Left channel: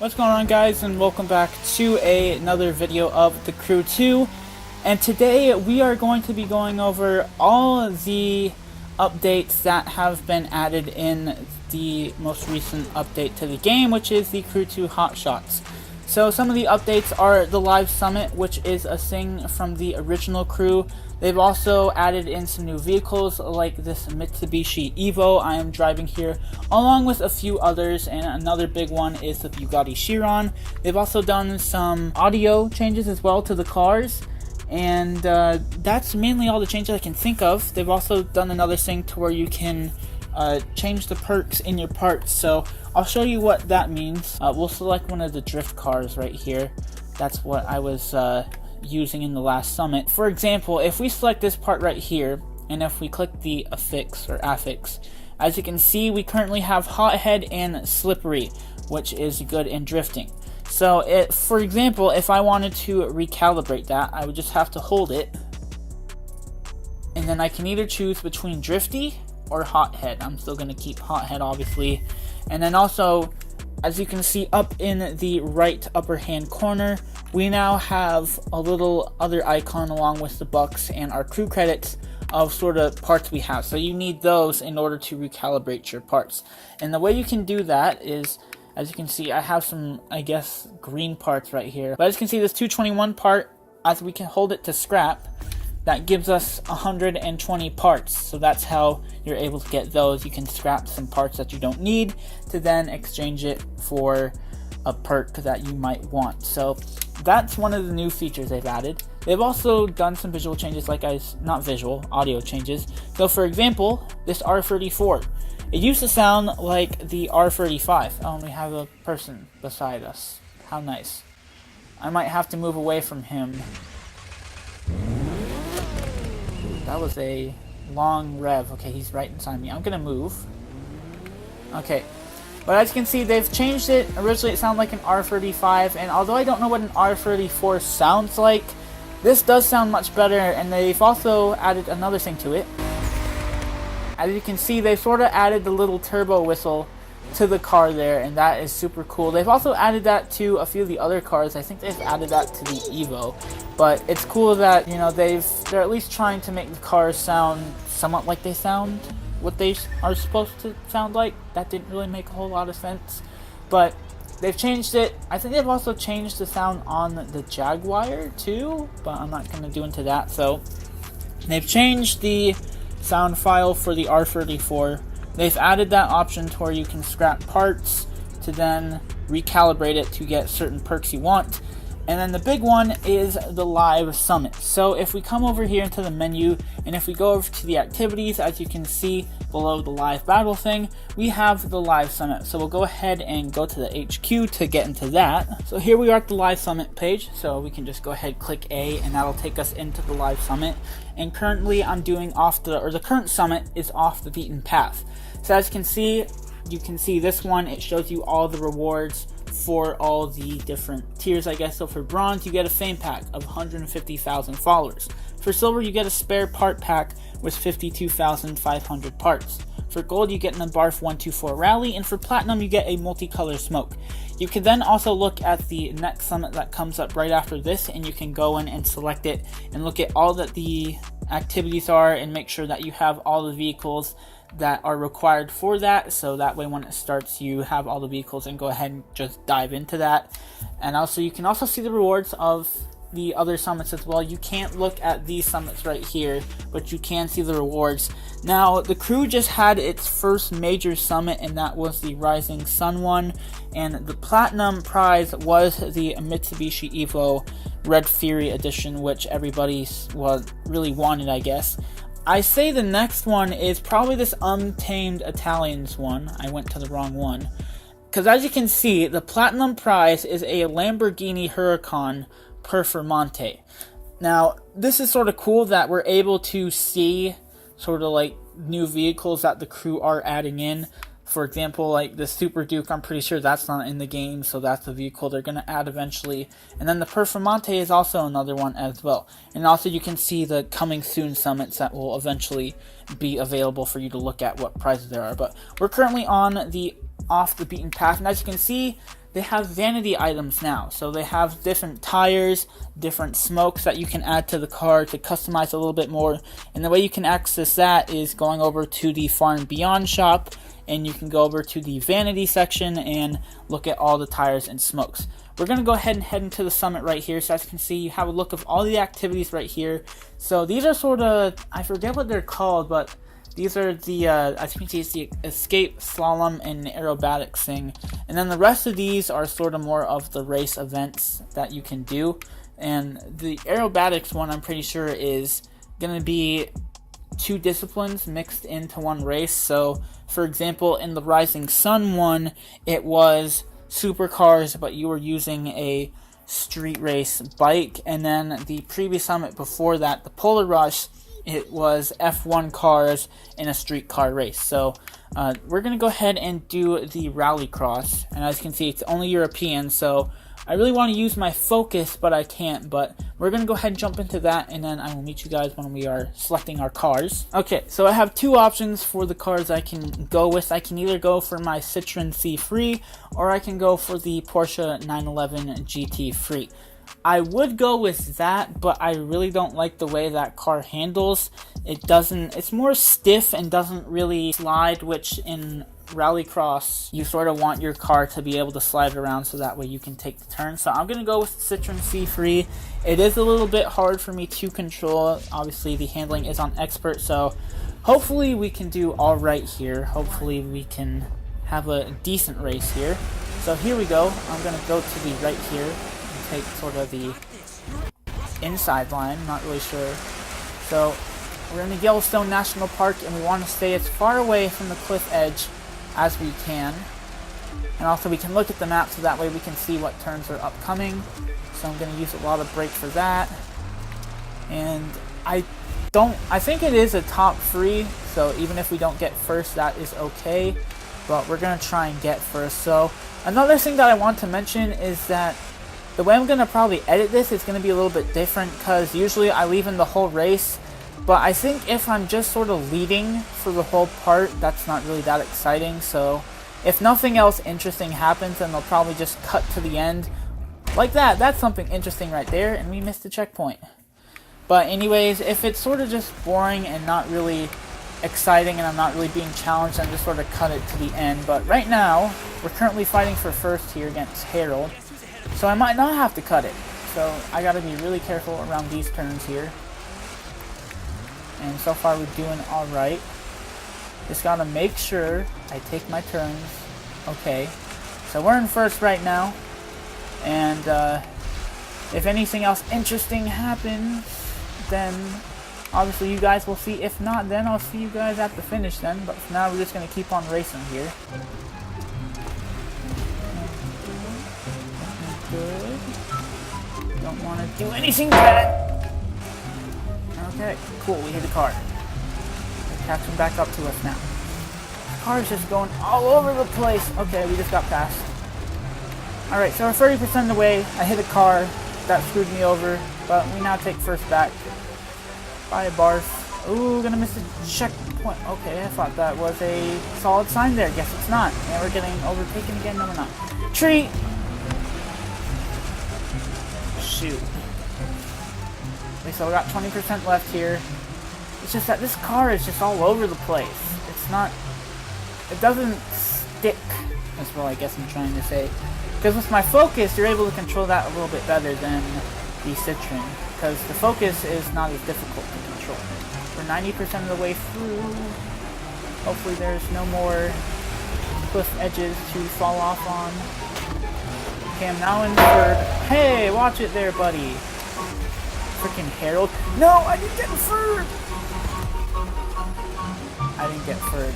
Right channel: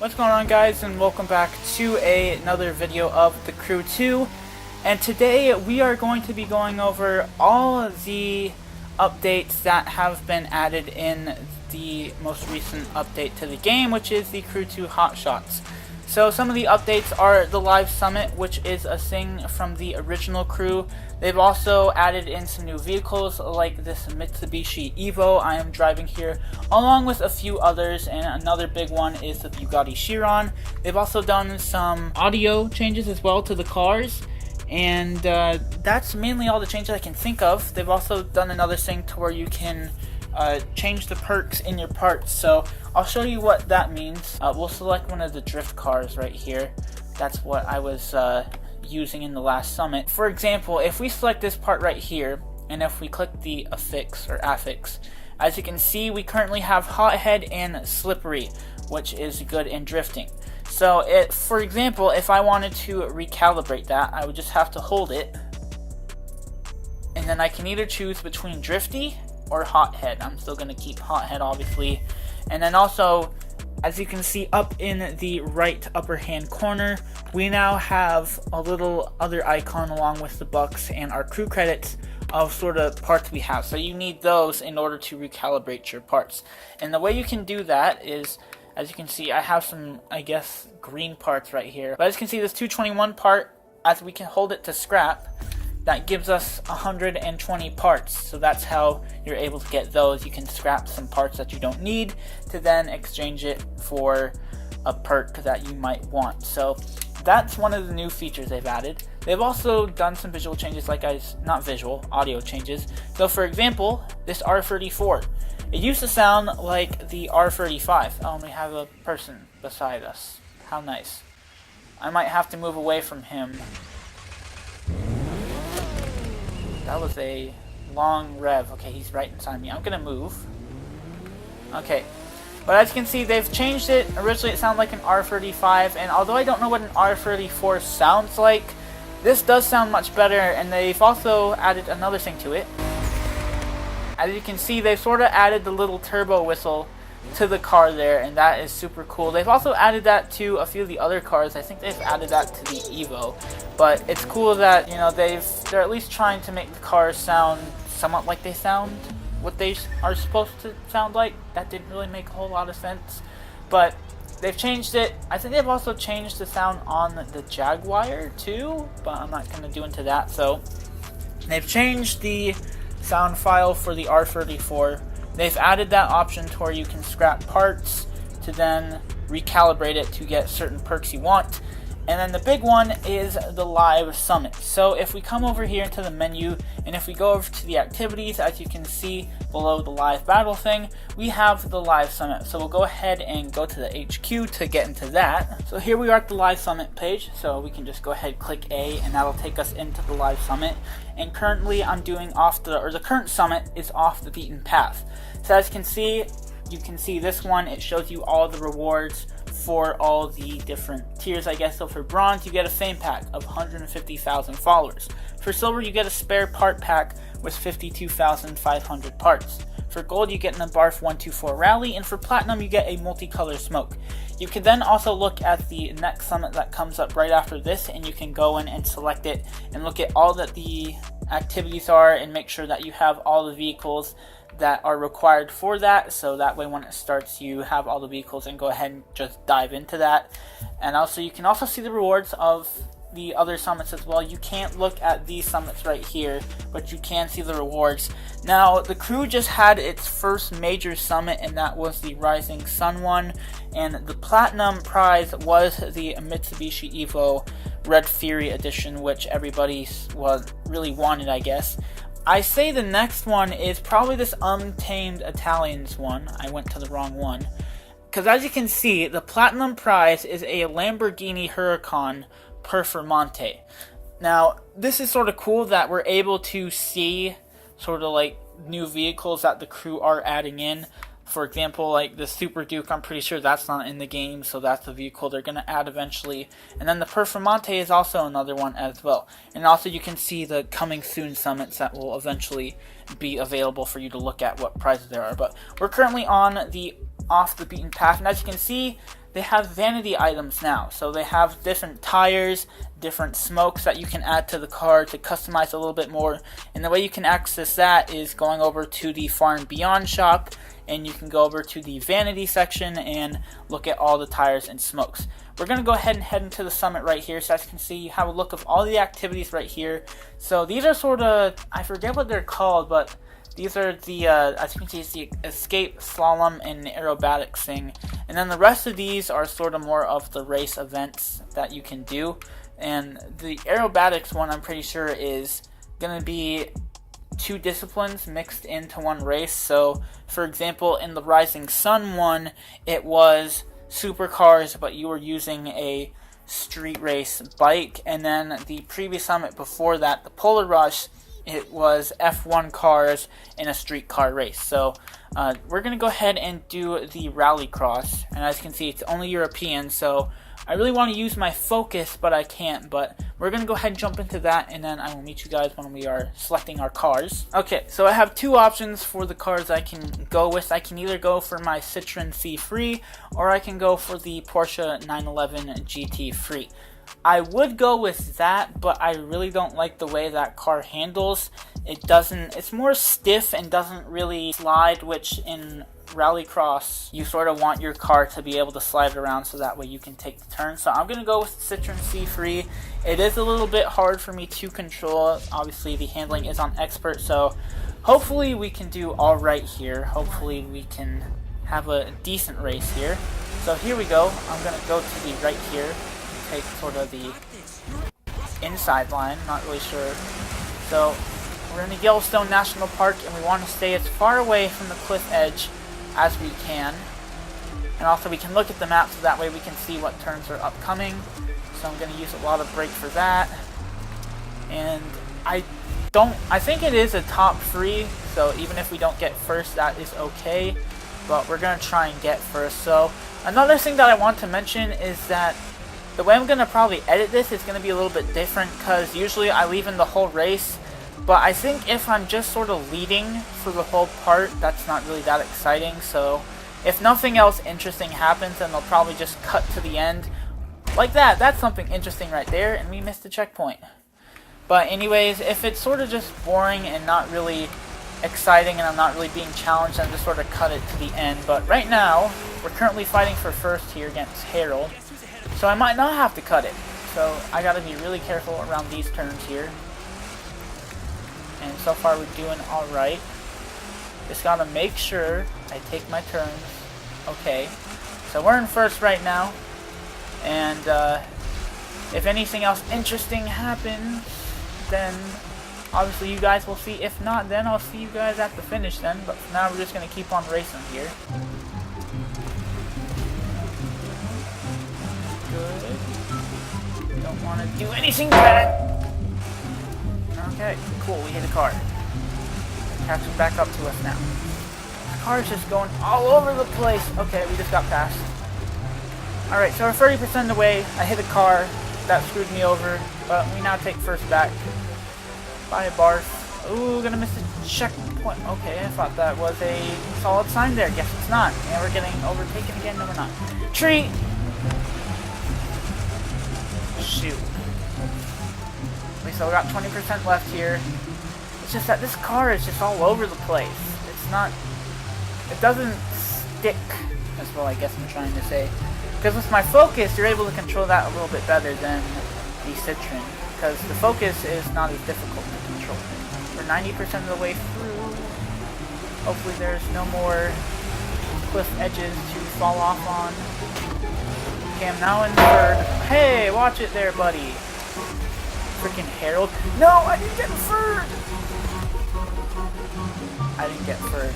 What's going on, guys, and welcome back to another video of The Crew 2. And today we are going to be going over all of the updates that have been added in the most recent update to the game, which is the Crew 2 Hotshots. So some of the updates are the Live Summit, which is a thing from the original Crew. They've also added in some new vehicles like this Mitsubishi Evo I am driving here, along with a few others, and another big one is the Bugatti Chiron. They've also done some audio changes as well to the cars, and that's mainly all the changes I can think of. They've also done another thing to where you can change the perks in your parts, so I'll show you what that means. We'll select one of the drift cars right here. That's what I was using in the last summit. For example, if we select this part right here, and if we click the affix, as you can see, we currently have Hothead and Slippery, which is good in drifting. So, for example, if I wanted to recalibrate that, I would just have to hold it, and then I can either choose between Drifty or Hothead. I'm still going to keep Hothead, obviously. And then also, as you can see up in the right upper hand corner, we now have a little other icon along with the bucks and our crew credits of sort of parts we have. So you need those in order to recalibrate your parts. And the way you can do that is, as you can see, I have some, I guess, green parts right here. But as you can see, this 221 part, as we can hold it to scrap, that gives us 120 parts. So that's how you're able to get those. You can scrap some parts that you don't need to then exchange it for a perk that you might want. So that's one of the new features they've added. They've also done some visual changes, audio changes. So for example, this R34. It used to sound like the R35. Oh, and we have a person beside us. How nice. I might have to move away from him. That was a long rev. Okay, he's right inside me. I'm gonna move. Okay. But as you can see, they've changed it. Originally it sounded like an R35, and although I don't know what an R34 sounds like, this does sound much better, and they've also added another thing to it. As you can see, they've sort of added the little turbo whistle to the car there, and that is super cool. They've also added that to a few of the other cars. I think they've added that to the Evo, but it's cool that, you know, they're at least trying to make the cars sound somewhat like they sound what they are supposed to sound like. That didn't really make a whole lot of sense, but they've changed it. I think they've also changed the sound on the Jaguar too, but I'm not going to do into that. So they've changed the sound file for the R34. They've added that option to where you can scrap parts to then recalibrate it to get certain perks you want. And then the big one is the Live Summit. So if we come over here into the menu, and if we go over to the activities, as you can see below the live battle thing, we have the Live Summit. So we'll go ahead and go to the HQ to get into that. So here we are at the Live Summit page, so we can just go ahead, click A, and that'll take us into the Live Summit. And currently I'm doing the current summit is off the beaten path. So as you can see this one, it shows you all the rewards for all the different tiers, I guess. So for bronze, you get a fame pack of 150,000 followers. For silver, you get a spare part pack with 52,500 parts. For gold, you get an Barf 124 rally, and for platinum, you get a multicolor smoke. You can then also look at the next summit that comes up right after this, and you can go in and select it and look at all that the activities are and make sure that you have all the vehicles that are required for that, so that way when it starts you have all the vehicles and go ahead and just dive into that. And also you can also see the rewards of the other summits as well. You can't look at these summits right here, but you can see the rewards. Now the crew just had its first major summit, and that was the Rising Sun one, and the platinum prize was the Mitsubishi Evo Red Fury edition, which everybody really wanted, I guess. I say the next one is probably this Untamed Italians one. I went to the wrong one. Because as you can see, the platinum prize is a Lamborghini Huracan Performante. Now, this is sort of cool that we're able to see sort of like new vehicles that the crew are adding in. For example, like the Super Duke, I'm pretty sure that's not in the game, so that's the vehicle they're going to add eventually. And then the Performante is also another one as well. And also you can see the coming soon summits that will eventually be available for you to look at what prizes there are. But we're currently on the off the beaten path, and as you can see, they have vanity items now. So they have different tires, different smokes that you can add to the car to customize a little bit more. And the way you can access that is going over to the Far and Beyond shop, and you can go over to the vanity section and look at all the tires and smokes. We're going to go ahead and head into the summit right here. So as you can see, you have a look of all the activities right here. So these are sort of, I forget what they're called, but these are the, as you can see, it's the escape, slalom, and aerobatics thing. And then the rest of these are sort of more of the race events that you can do. And the aerobatics one, I'm pretty sure, is going to be 2 disciplines mixed into one race. So, for example, in the Rising Sun one, it was supercars, but you were using a street race bike. And then the previous summit before that, the Polar Rush, it was F1 cars in a street car race. So we're going to go ahead and do the rallycross. And as you can see, it's only European, so I really want to use my focus, but I can't. But we're going to go ahead and jump into that, and then I will meet you guys when we are selecting our cars. Okay, so I have 2 options for the cars I can go with. I can either go for my Citroen C3, or I can go for the Porsche 911 GT Free. I would go with that, but I really don't like the way that car handles. It's more stiff and doesn't really slide, which in rallycross, you sort of want your car to be able to slide around so that way you can take the turn. So I'm going to go with the Citroen C3. It is a little bit hard for me to control. Obviously, the handling is on expert, so hopefully we can do all right here. Hopefully we can have a decent race here. So here we go. I'm going to go to the right here. Take sort of the inside line, not really sure. So we're in the Yellowstone National Park, and we want to stay as far away from the cliff edge as we can. And also we can look at the map so that way we can see what turns are upcoming. So I'm going to use a lot of brake for that. And I think it is a top 3, so even if we don't get first, that is okay. But we're going to try and get first. So another thing that I want to mention is that the way I'm going to probably edit this is going to be a little bit different, because usually I leave in the whole race, but I think if I'm just sort of leading for the whole part, that's not really that exciting. So if nothing else interesting happens, then they'll probably just cut to the end like that. That's something interesting right there, and we missed the checkpoint. But anyways, if it's sort of just boring and not really exciting and I'm not really being challenged, then just sort of cut it to the end. But right now, we're currently fighting for first here against Harold. So I might not have to cut it. So I gotta be really careful around these turns here. And so far we're doing alright. Just gotta make sure I take my turns. Okay. So we're in first right now. And if anything else interesting happens, then obviously you guys will see. If not, then I'll see you guys at the finish then. But for now we're just gonna keep on racing here. Good. Don't want to do anything bad. Okay, cool. We hit a car. Catching back up to us now. The car's just going all over the place. Okay, we just got past. Alright, so we're 30% of the way. I hit a car. That screwed me over. But we now take first back. Bye, Barf. Ooh, gonna miss the checkpoint. Okay, I thought that was a solid sign there. Guess it's not. Yeah, we're getting overtaken again. No, we're not. Tree! Shoot. Okay, so we got 20% left here. It's just that this car is just all over the place. It's not... It doesn't stick. That's what I guess I'm trying to say. Because with my focus, you're able to control that a little bit better than the Citroen. Because the focus is not as difficult to control. We're 90% of the way through. Hopefully there's no more cliff edges to fall off on. Okay, I'm now in third. Hey, watch it there, buddy. Freaking Harold. No, I didn't get third. I didn't get third.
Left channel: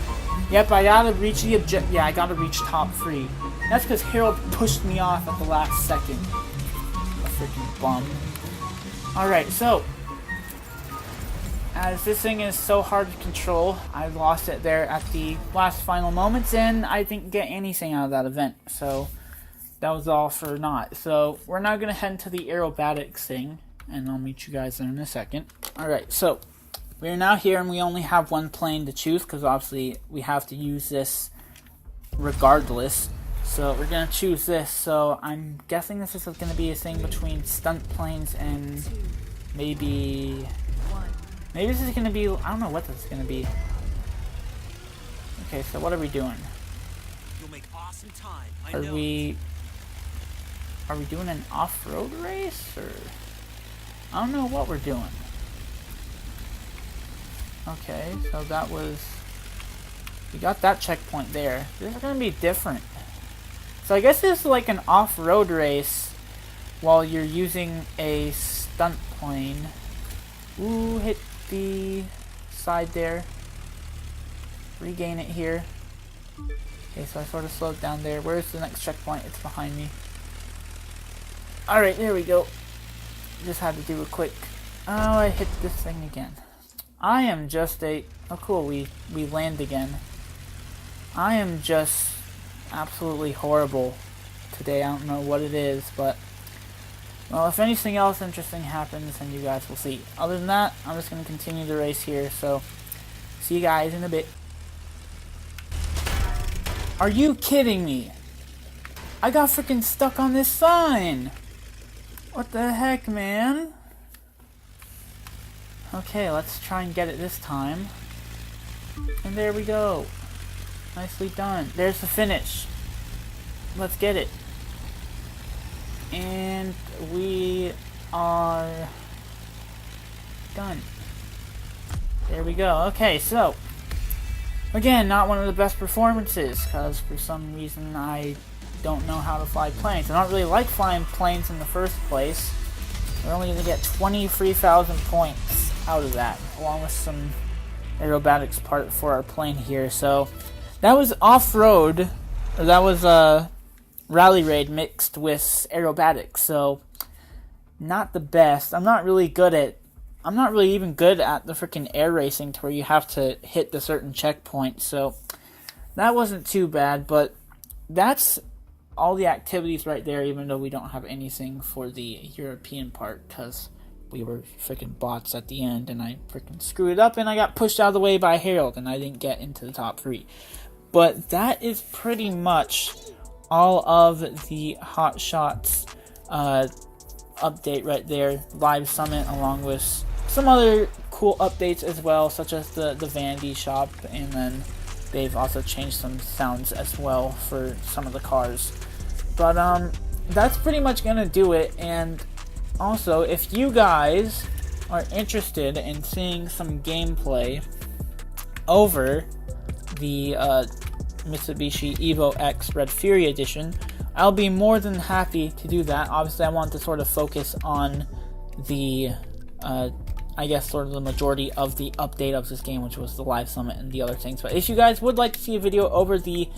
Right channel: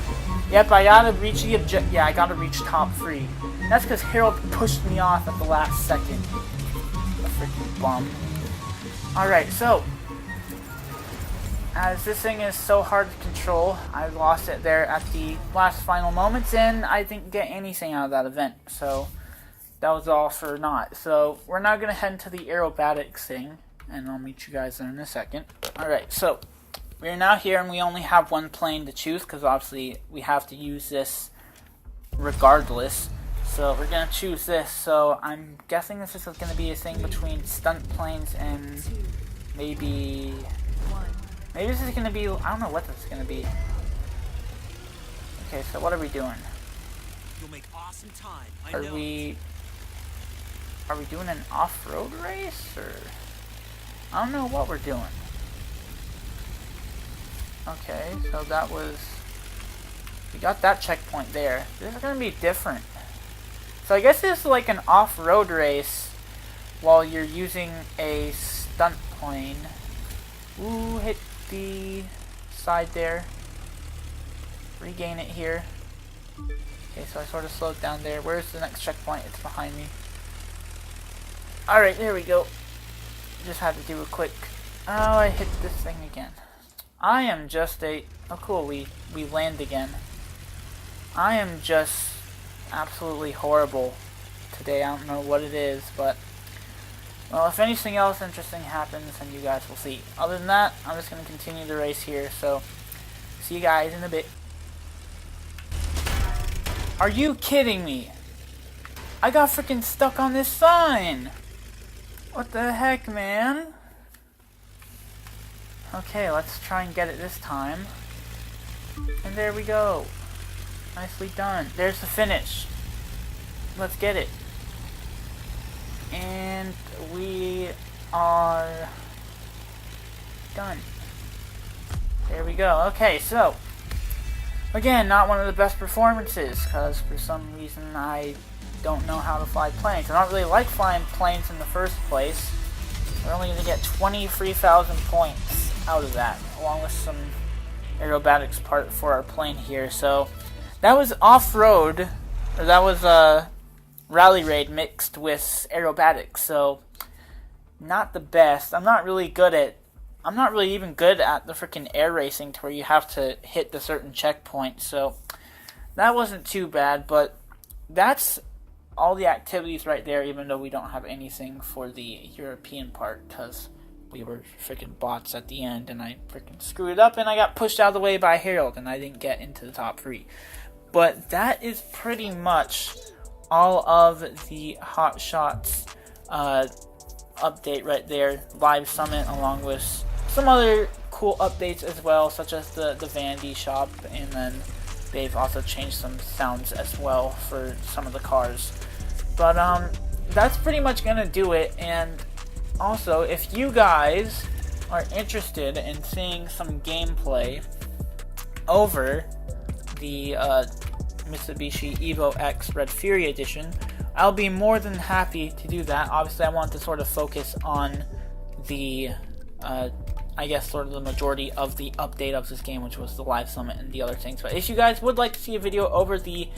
Yep, I gotta reach the objective. Yeah, I gotta reach top 3. That's because Harold pushed me off at the last second. A freaking bum. Alright, so as this thing is so hard to control, I lost it there at the last final moments, and I didn't get anything out of that event. So that was all for naught. So we're now going to head into the aerobatics thing, and I'll meet you guys there in a second. Alright, so we're now here, and we only have one plane to choose, because obviously we have to use this regardless. So we're gonna choose this. So I'm guessing this is gonna be a thing between stunt planes and maybe this is gonna be, I don't know what this is gonna be. Okay, so what are we doing? You'll make awesome time. Are we doing an off-road race, or I don't know what we're doing. Okay, so that was, we got that checkpoint there. This is gonna be different. So I guess this is like an off-road race while you're using a stunt plane. Ooh, hit the side there. Regain it here. Okay, so I sort of slowed down there. Where's the next checkpoint? It's behind me. Alright, there we go. Just had to do a quick... Oh, I hit this thing again. I am just a... Oh, cool, we land again. I am just absolutely horrible today. I don't know what it is, but... Well, if anything else interesting happens, then you guys will see. Other than that, I'm just going to continue the race here, so... See you guys in a bit. Are you kidding me? I got freaking stuck on this sign! What the heck, man? Okay, let's try and get it this time. And there we go. Nicely done. There's the finish. Let's get it. And we are done. There we go. Okay, so again, not one of the best performances, because for some reason I don't know how to fly planes. I don't really like flying planes in the first place. We're only going to get 23,000 points out of that, along with some aerobatics part for our plane here. So that was off-road, or that was rally raid mixed with aerobatics. So not the best. I'm not really even good at the freaking air racing to where you have to hit the certain checkpoint. So that wasn't too bad, but that's all the activities right there, even though we don't have anything for the European part, because we were freaking bots at the end, and I freaking screwed it up, and I got pushed out of the way by Harold, and I didn't get into the top 3. But that is pretty much all of the Hot Shots update right there, live summit, along with some other cool updates as well, such as the vanity shop, and then they've also changed some sounds as well for some of the cars. But that's pretty much gonna do it. And also, if you guys are interested in seeing some gameplay over the Mitsubishi Evo X Red Fury Edition, I'll be more than happy to do that. Obviously, I want to sort of focus on the I guess sort of the majority of the update of this game, which was the live summit and the other things. But if you guys would like to see a video over the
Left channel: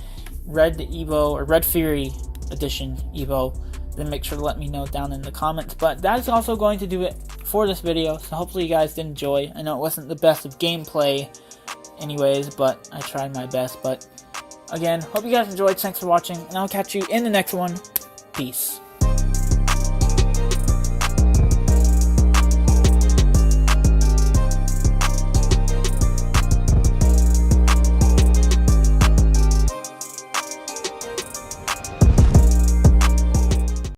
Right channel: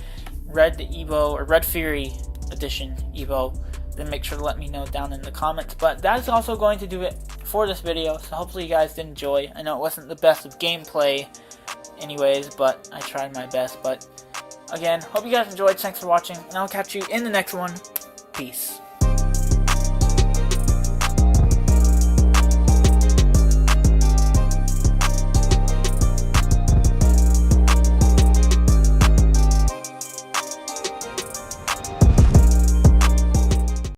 Red Evo or Red Fury Edition Evo, then make sure to let me know down in the comments. But that's also going to do it for this video, so hopefully you guys did enjoy. I know it wasn't the best of gameplay anyways, but I tried my best. But again, hope you guys enjoyed. Thanks for watching, and I'll catch you in the next one. Peace.